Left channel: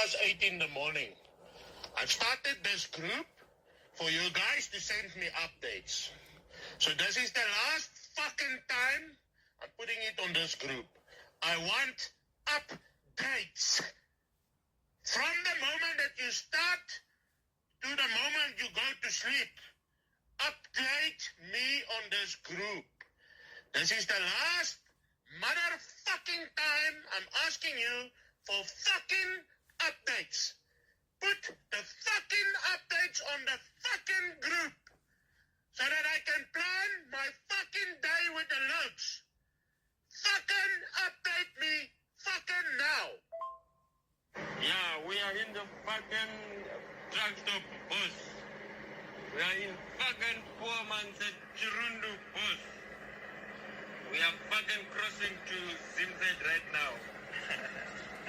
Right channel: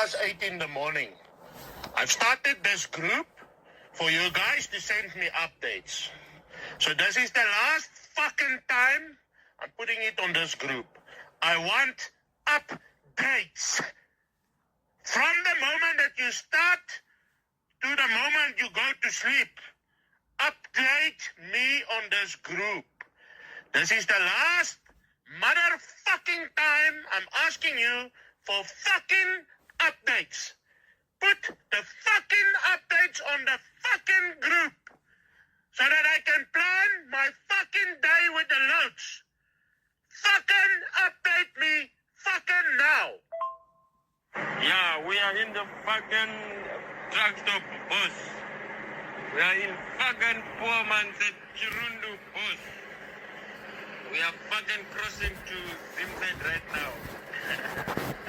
8 in the morning. I've started this group for you guys to send me updates. So this is the last fucking time I'm putting it on this group. I want updates. From the moment that you start to the moment you go to sleep. Update me on this group. This is the last motherfucking time I'm asking you for fucking updates. Put the fucking updates on the fucking group so that I can plan my fucking day with the loads. Fucking update me fucking now. Yeah, we are in the fucking truck stop bus. We are in fucking poor man's Kirundu bus. We are fucking crossing to Zimzed right now.